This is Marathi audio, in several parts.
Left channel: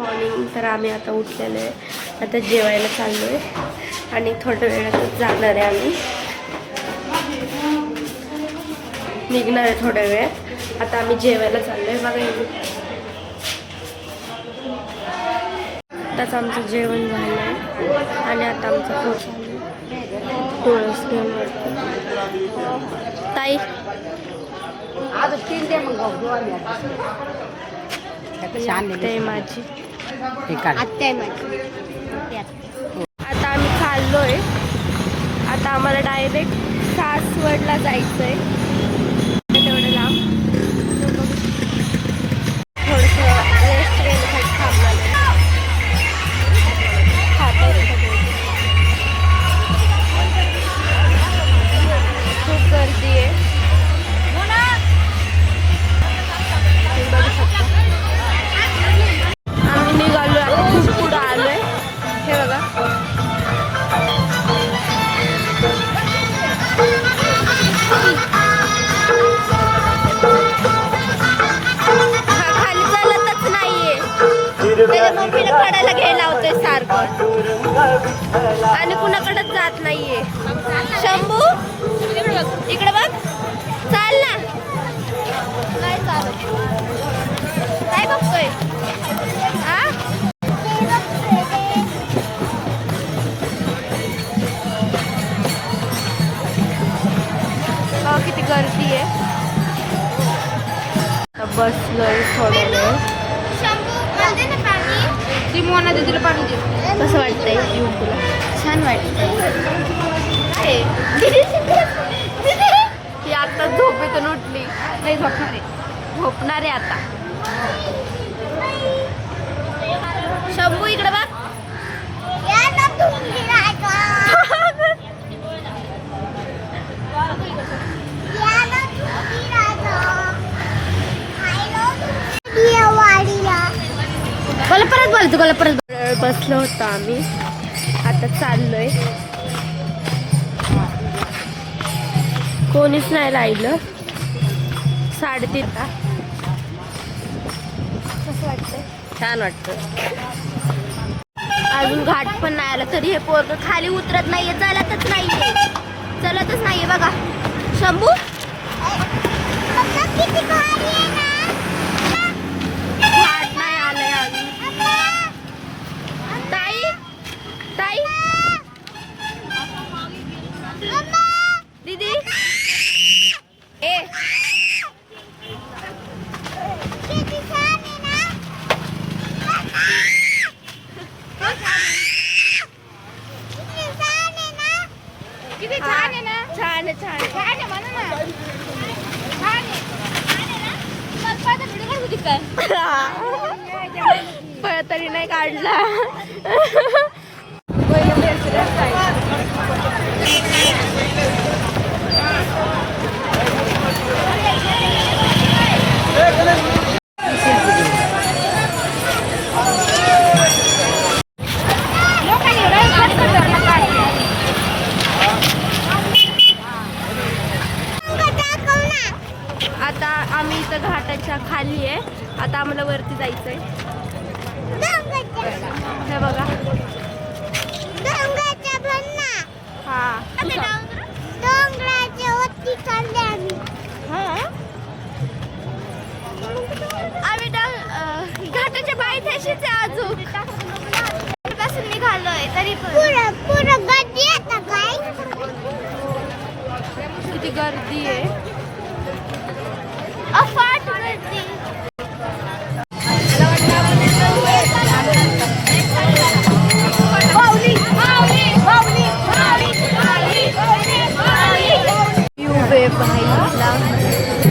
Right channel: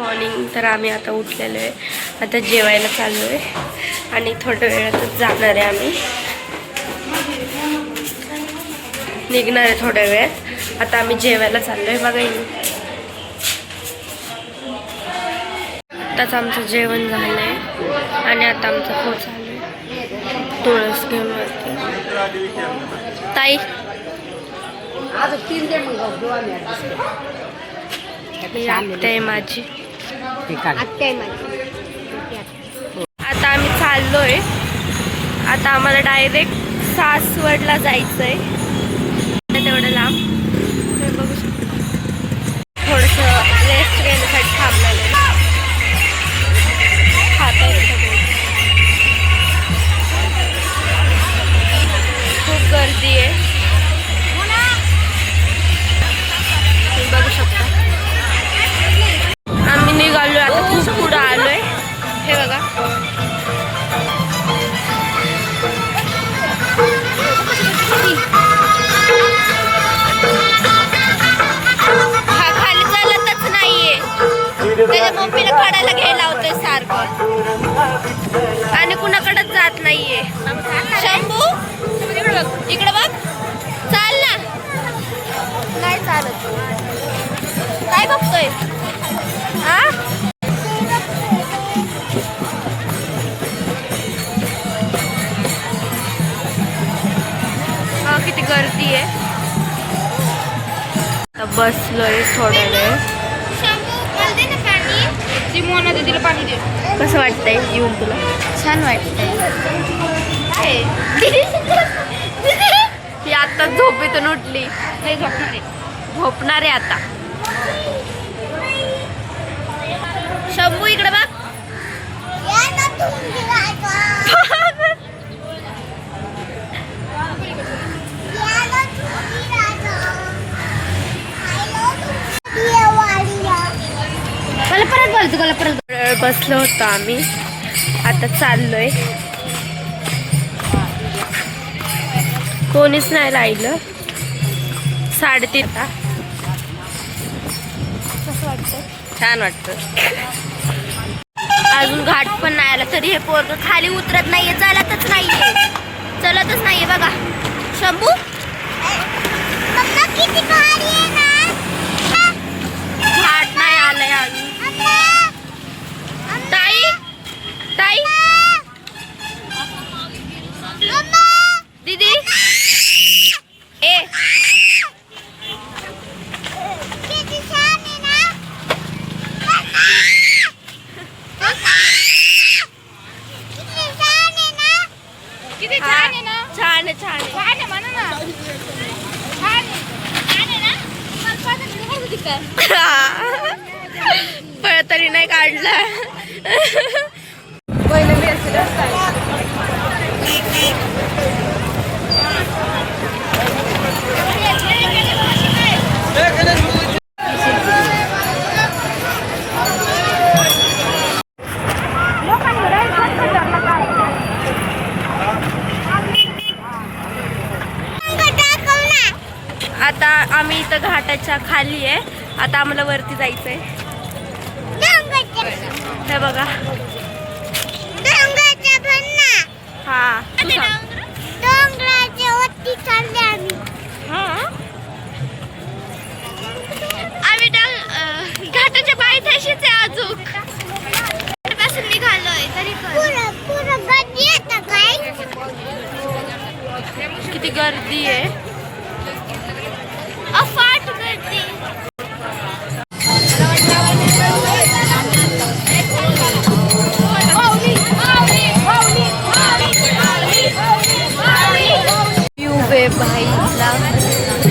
मॉर्निंग. तर आम्ही आता उठलेलो आहे, आता जेवायला चाललो आहे आणि थोड्या वेळातच जाणार आहे. आम्ही निघणार आहे थोड्या वेळात. आता आम्ही जेवायला चाललो आहे. बघा आताच आमचं जेवण झालं आहे आणि आता आमचा फोन चालू आहे तुळस घेऊन वरती. ताई आत्या माझी. आता आम्ही चाललोय. आता आम्हाला डायरेक्ट सासवडला जायचंय. तेवढं लांब बघू शकतो. थोडंसं रेस्ट घेण्यासाठी थांबलेलं आहे. खाता येतं. खूप गर्दी आहे, तुम्ही बघू शकता. आम्ही निघालोय आता, खूप पुढं आलोय. हे बघा हा खाली चालतच नाहीये. त्याच्या मम्मीला काढायला घ्यायला होतोय सारखं आणि कुणाकडेच जात नाहीये. शंभू इकडे बघ, इकडे बघ. चाल ना. काय चालत, काय बघतोय? हा किती गर्दी आहे. आता बसलोय थोड्या वेळ. कसं वाटतंय येऊन तुला? छान वाटतंय. ती आता झोपेतून उठली. झोपणार आहे आता. शंभू इकडे बघ. बसलो होतो आम्ही, आता चाललोय. कोणीच नाही राहिलं. 3:30. कसं वाटतंय? छान वाटतं. अजून घाट पण नाही आला तरी हे पोरग खाली उतरत नाहीये. चालतच नाहीये बघा. शंभू घाट नाही आलाय अजून. ताई दीदी ए छान पण तरी नाही काढला. आता आम्ही इथं घाटाच्या खाली आहे. आता आम्हाला वरती जायचंय. हे बघा हा आम्ही घाटाच्या पायथ्याशीच आहे. अजून पासून निघालोय तरी किती गर्दी आहे. अफाट गर्दी. भाईला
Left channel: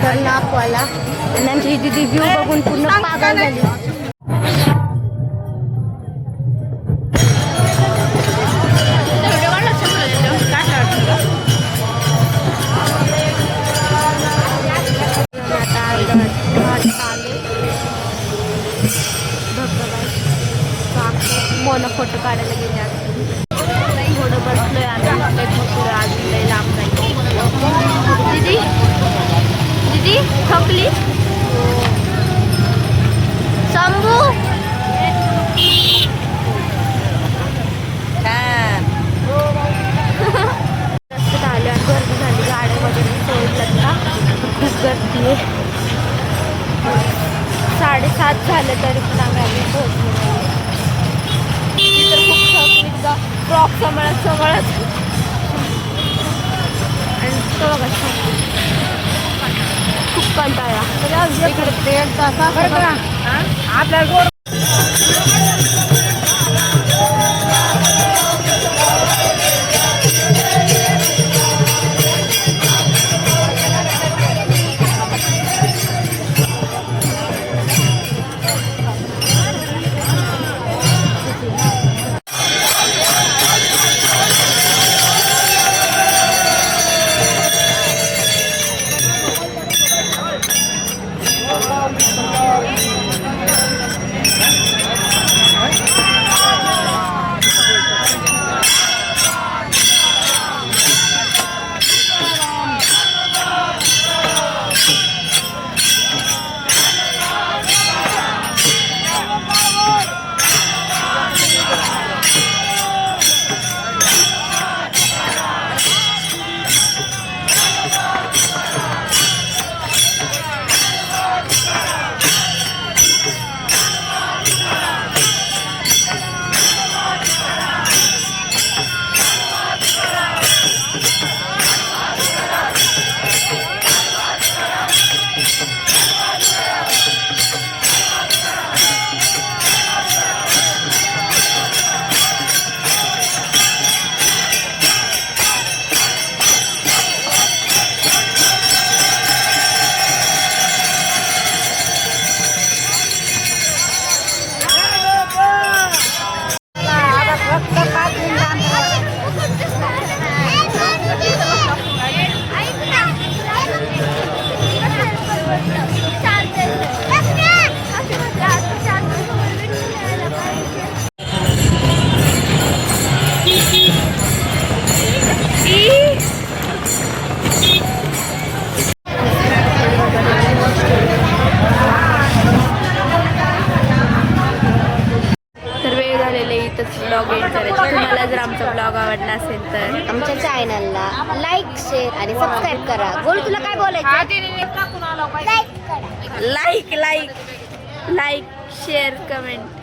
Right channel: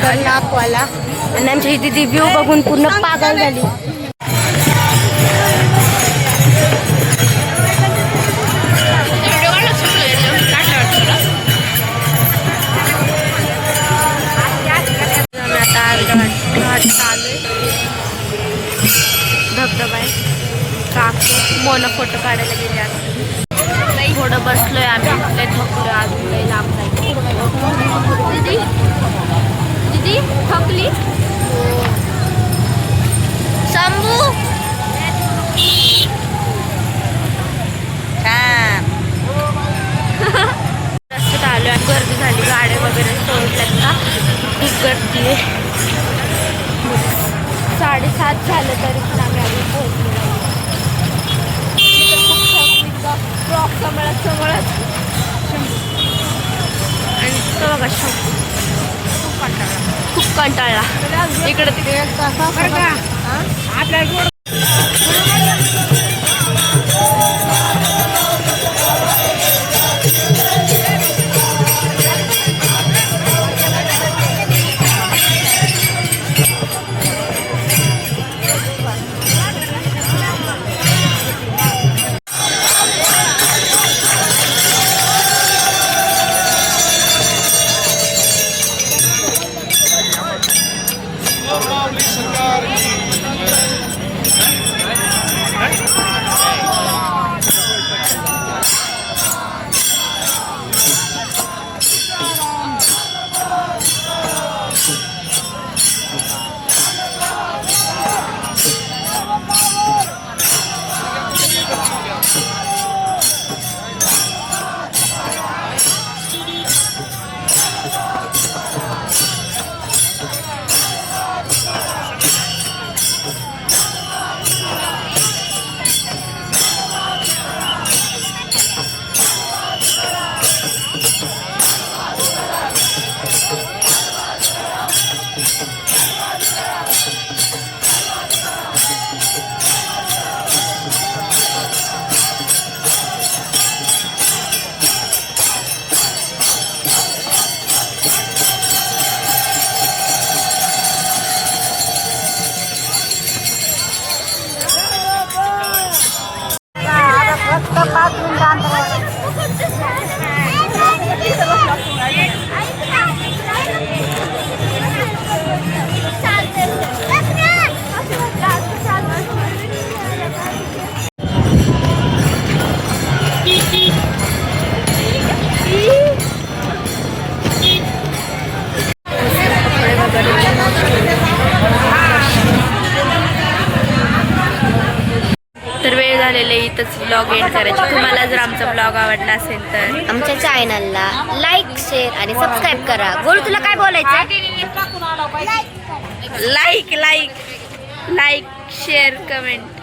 कर्नापवाला आणि आमची दीदी व्ह्यू बघून पूर्ण पागल झाली. आता घाट चालू धबधबा आहे. काकू मोनो फोटो काढायला गेले. आता थोडं बसलोय आम्ही. लय थकलोय, अजून लय लांब जायचं. दीदी थकली. शंभू तरी पण आम्ही अजून पोहोचलो नाही. फ्रॉक समळत आणि तो बघा शंभू खूप कंटाळला इकडे तिकडे. तर वेळ झालेले इथंच ब्लॉग एंड करायचे. तुम्हाला जर आमचा ब्लॉग आवडला असेल तर आमच्या चॅनलला लाईक शेअर आणि सबस्क्राईब करा. गोलू तुला काय बोलायचं? Like like like share comment